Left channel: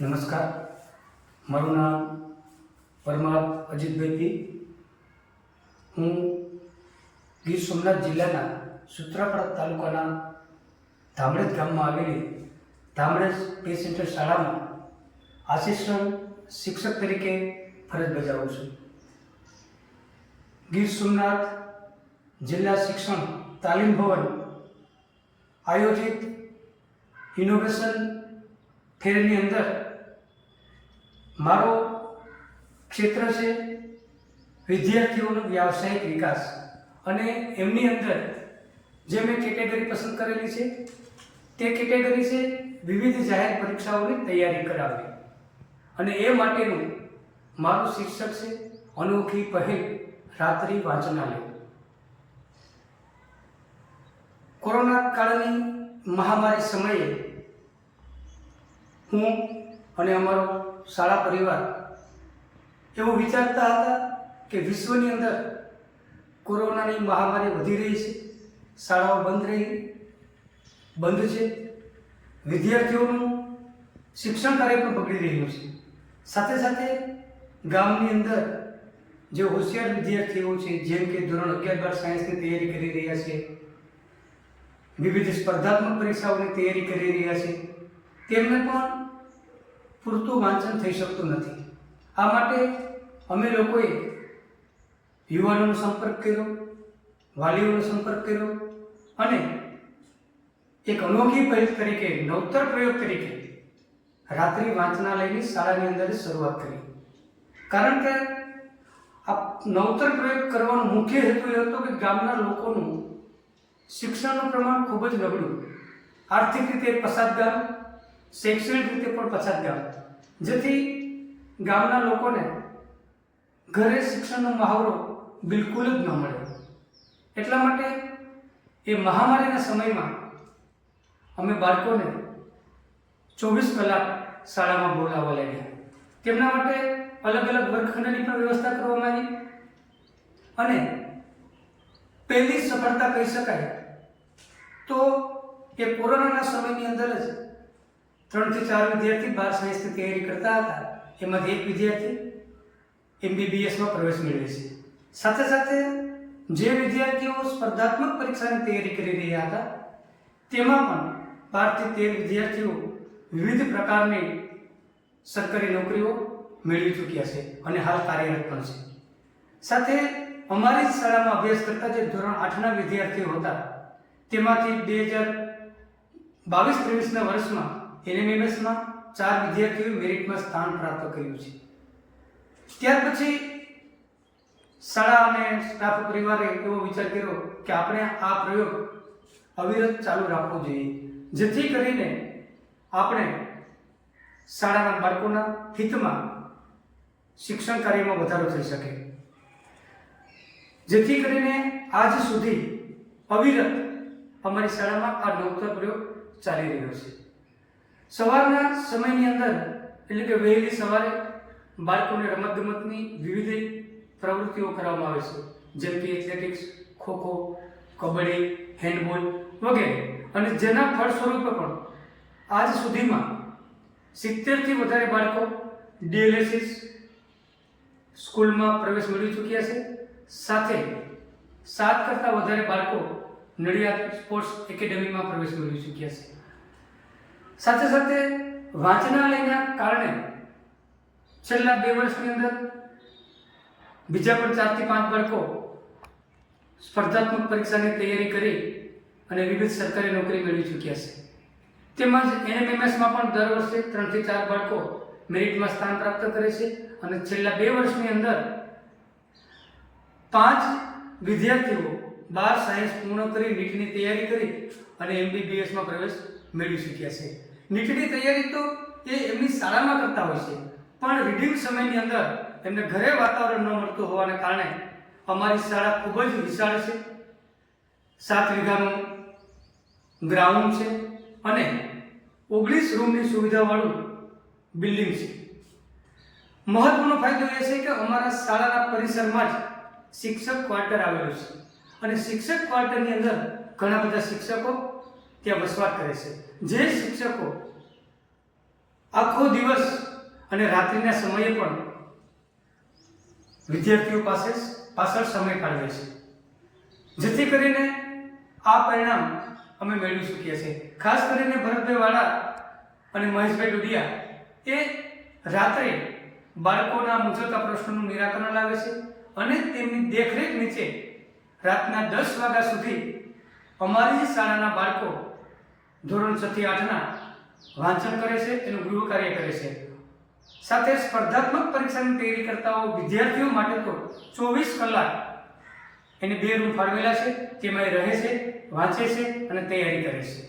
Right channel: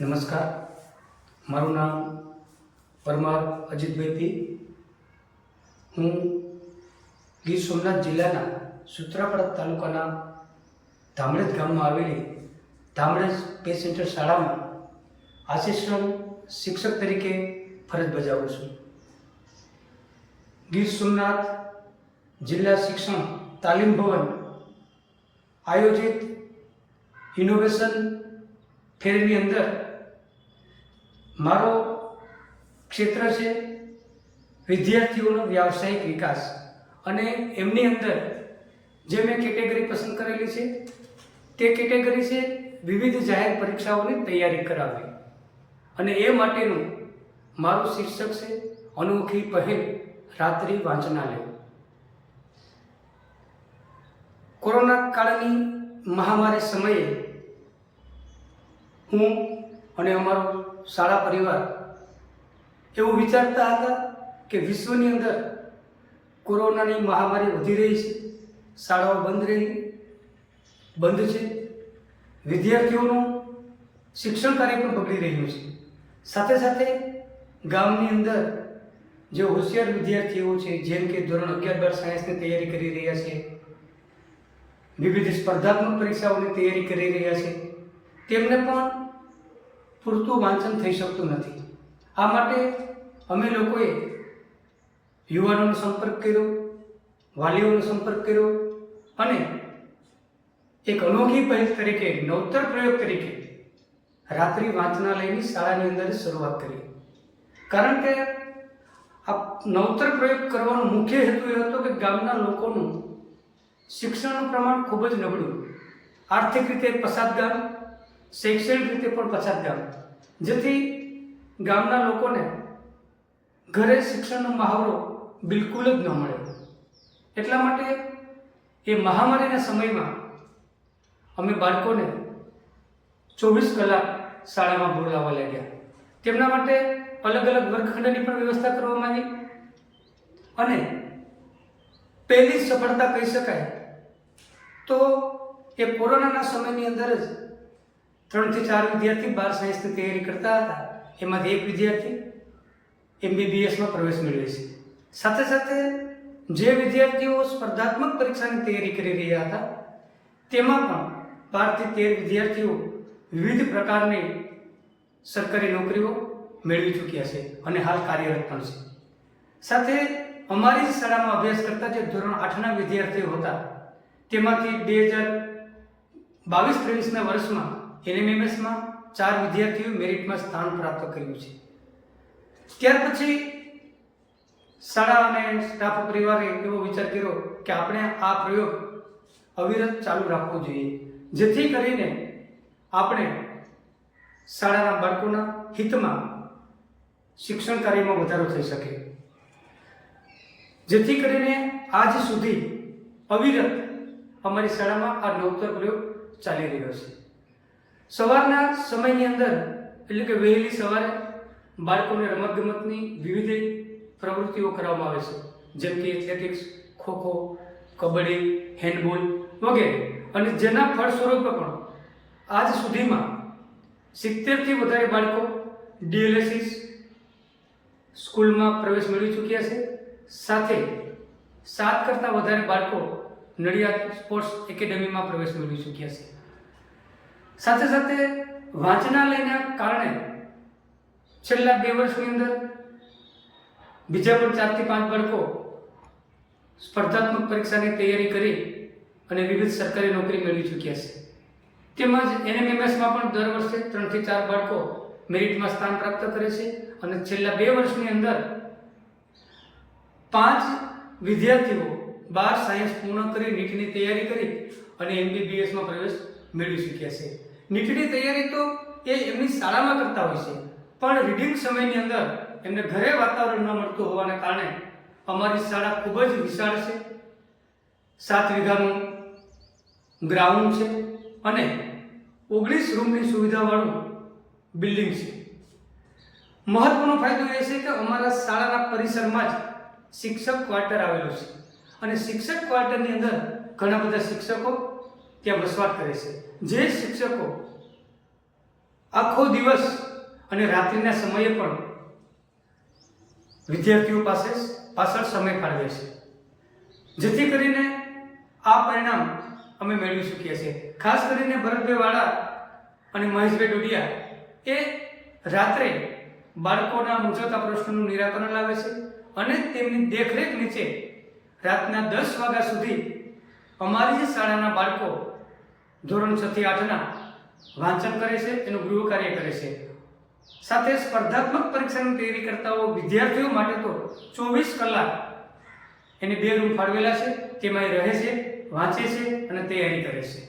નમસ્કાર, મારું નામ પરમાર અજીતભાઈ પી. હું ગીર સોમનાથ જિલ્લાના સૂત્રાપાડા તાલુકાના ધામરેજ ગામમાં આવેલી ધામરેજ પે સેન્ટર શાળામાં આસિસ્ટન્ટ શિક્ષક તરીકે ફરજ બજાવું છું. ગીર સોમનાથ જિલ્લા શિક્ષણ તાલીમ ભવન આયોજિત ઇનોવેશન ફેરની અંદર મારો ક્ષેત્ર છે વિદ્યાર્થીઓનો વ્યાવસાયિક વિકાસ, અને એમની અંદર જે મેં કેટેગરી પસંદ કરેલી છે તે કેટેગરી છે વિવિધ જાહેર પરીક્ષાઓની તૈયારી કરાવવી, અને એ માટેનું મારું શિક્ષક છે અનોખી પહેલ રાત્રિ વાંચનાલય. કોરોના કાળની મહામારી સમયે હું અને અમારો શાળા પરિવાર એવું વિચારતા હતા કે વિશ્વની અંદર કોરોનાની મહામારી વધી રહી છે, શાળાઓ બંધ છે, વિદ્યાર્થીઓનું શિક્ષણ કાર્ય પણ બગડી રહ્યું છે. સાથે સાથે ગામની અંદર જે હોશિયાર વિદ્યાર્થીઓ છે, જેમ કે ધોરણ 11-12 સાયન્સની તૈયારી કરી રહ્યા છે, વિવિધ સ્પર્ધાત્મક પરીક્ષાઓની તૈયારી કરી રહ્યા છે, તેમને પણ પૂરતું વાંચન થઈ શકતું નથી. આ માટે અમે લોકોએ યુવાનોનો સંપર્ક કર્યો, વાલીઓનો સંપર્ક કર્યો, અને એક અનોખી પહેલ તરીકે, નવતર પ્રયોગ તરીકે રાત્રિ વાંચનાલયની શાળાની અંદર શરૂઆત કરી. કારણ કે આ નવતર પ્રયોગ કરવાનો મુખ્ય હેતુ એ હતો કે ગામના લોકોનું શિક્ષણનું પ્રમાણ ખૂબ જ નબળું, આર્થિક રીતે પછાત ગામ, શૈક્ષણિક રીતે પણ પછાત ગામ, જેથી ગામના લોકોને ઘરે શિક્ષણનો મહાવરો બિલકુલ જ ન મળે. એટલા માટે એ મહામારીના સમયમાં અમે બાળકોને 24 કલાક શાળામાં બોલાવવા લાગ્યા. તેમના માટે અલગ અલગ વર્ગખંડની પણ વ્યવસ્થા કરવામાં આવી, અને પહેલી સફળતા કહી શકાય તો એ કોરોનાના સમયની અંદર જ 3 થી 4 વિદ્યાર્થી 12 સાયન્સની તૈયારી કરતા હતા. એમાંથી એક વિદ્યાર્થી MBBSમાં પ્રવેશ મેળવે છે. સાથે સાથે જે વિદ્યાર્થીઓ સ્પર્ધાત્મક પરીક્ષાની તૈયારી કરી રહ્યા હતા તેમાં પણ 12 થી 13 વિદ્યાર્થીઓ વિવિધ પ્રકારની સરકારી નોકરીઓ મેળવી ચૂક્યા છે અને હાલ કાર્યરત પણ છે. સાથે અમારી જ શાળામાં અભ્યાસ કરતા જે ધોરણ 8ના વિદ્યાર્થીઓ હતા તેમાંથી 2022-23ના વર્ષમાં NMMSમાં 4 વિદ્યાર્થીઓ મેરિટમાં સ્થાન પ્રાપ્ત કર્યું છે. ત્યાર પછી શાળા અને સ્ટાફ પરિવારે એવો વિચાર કર્યો કે આપણે આ પ્રયોગ અવિરત ચાલુ રાખવો જોઈએ, જેથી કરીને આપણે શાળાના બાળકોના હિતમાં શિક્ષણ કાર્યમાં વધારો થઈ શકે. જેથી કરીને આજ સુધી અવિરત અમારી શાળામાં આ નવતર પ્રયોગ ચાલી રહ્યો છે. સવારના સમયની અંદર, એટલે કે વહેલી સવારે બાળકોને રમતગમતની વિવિધ પ્રવૃત્તિઓ કરાવવામાં આવે છે, જેમ કે એથ્લેટિક્સ, ખોખો, કબડ્ડી, હેન્ડબોલ વગેરે, અને જેના ફળ સ્વરૂપે પણ આજ સુધીમાં 70થી વધારે બાળકો DLSS સ્કૂલમાં પ્રવેશ મેળવી ચૂક્યા છે. સાથે 7 કરતાં વધારે બાળકો નડિયાદ સ્પોર્ટ્સ એકેડેમીમાં પ્રવેશ મેળવી ચૂક્યા છે. સાથે સાથે વાંચનાલયના કારણે છેલ્લા 2 વર્ષની અંદર બીજા પણ 4 થી 5 બાળકો સ્પર્ધાત્મક પરીક્ષાની તૈયારી કરી અને વિવિધ સરકારી નોકરી મેળવી ચૂક્યા છે. તેમજ NMMSમાં પણ દર વર્ષે 3 થી 4 બાળકો મેરિટમાં સ્થાન પ્રાપ્ત કરે છે, અને છેલ્લા 2 વર્ષની અંદર 5 વિદ્યાર્થીઓ 12 સાયન્સ પૂર્ણ કરી નીટની તૈયારી કરી અને MBBSમાં પ્રવેશ મેળવી ચૂક્યા છે. નીટની તૈયારી તો એ એમની શાળામાં કરતા હોય છે, પણ રીડિંગ સમયની અંદર એમને ઘરે વાતાવરણ ન મળતું હોવાને કારણે અમારી શાળા ખૂબ જ વિશાળ છે. 7 વીઘાનું ગ્રાઉન્ડ છે અને 19 રૂમની સુવિધાવાળું બિલ્ડિંગ છે. મહત્વનો ફાયદો એ છે કે અમારા શાળાના પરિસરમાં જ શિક્ષક ક્વાર્ટર આવેલું છે, અને શિક્ષક ક્વાર્ટરની અંદર ઘણા બધા શિક્ષકો ત્યાં વસવાટ કરે છે. જે શિક્ષકો આખો દિવસ અને રાત્રિના સમયે પણ વિદ્યાર્થીઓ પાછળ સમય ફાળવે છે, જેથી કરીને આ પરિણામ અમે મેળવી શકીએ છીએ. ખાસ કરીને ભરતભાઈ વાળા અને મહેશભાઈ ડોડિયા એ રાત્રે બાળકોના મૂંઝવતા પ્રશ્નોનું નિરાકરણ લાવે છે અને તેમની દેખરેખ નીચે રાતના 10 વાગ્યા સુધી અમારી શાળાના બાળકો ધોરણ 6 થી 8ના વાંચન કરે છે, એનું ગૃહ કાર્ય કરે છે. સાથે સ્પર્ધાત્મક પરીક્ષાની તૈયારી કરતા વિદ્યાર્થીઓ માટે તો 24 કલાક એને 2 રૂમ ફાળવેલા છે, તેમાં એ રહે છે, વાંચે છે અને તૈયારી કરે છે.